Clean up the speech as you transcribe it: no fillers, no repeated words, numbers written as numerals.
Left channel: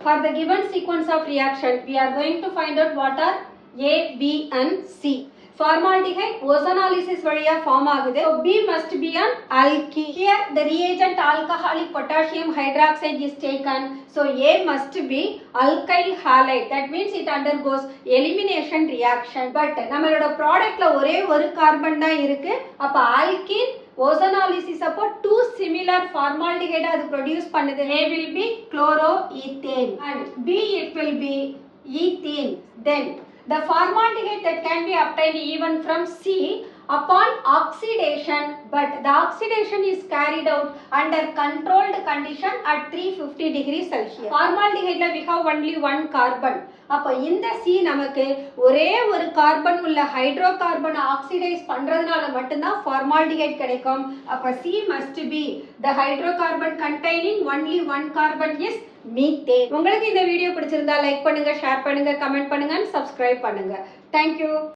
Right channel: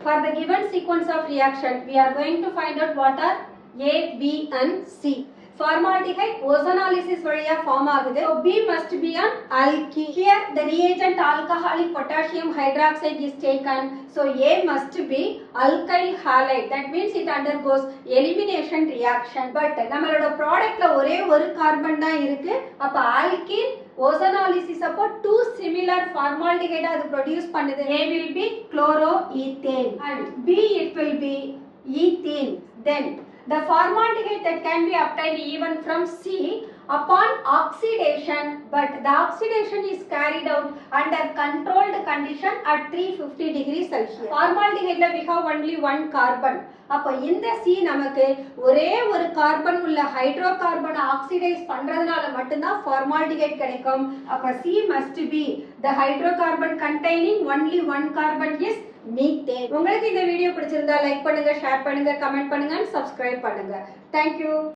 For the given sequence of reaction, we are going to find out what are A, B and C. Formaldehyde ozonolysis valiya form ஆகுது. So B must be an alkene. Here the reagent alcoholic potassium hydroxide is taken. So A must be alkyl halide. That means it undergoes elimination reaction. But நம்மளோட ப்ராடக்ட்ல ஒரே ஒரு கார்பன் தான் இருக்கு. அப்ப alkene ozonolysis அப்போ two similar formaldehyde அது produce பண்ணுது. A will be chloroethane and B it will be ethene. Then the formaldehyde that can be obtained even from C upon oxidation, but the oxidation is carried out under controlled condition at 350 degrees Celsius. Formaldehyde we have only one carbon. அப்போ இந்த C நமக்கு ஒரே ஒரு கார்பன் உள்ள hydrocarbon oxidise பண்றதுனால மட்டும்தான் formaldehyde கிடைக்கும். அப்போ C must be the hydrocarbon containing only one carbon is methane. உங்களுக்கு இந்த வீடியோ பிடிச்சிருந்தா லைக் பண்ணுங்க, ஷேர் பண்ணுங்க, கமெண்ட் பண்ணுங்க, சப்ஸ்கிரைப் பண்ணுங்க. Thank you.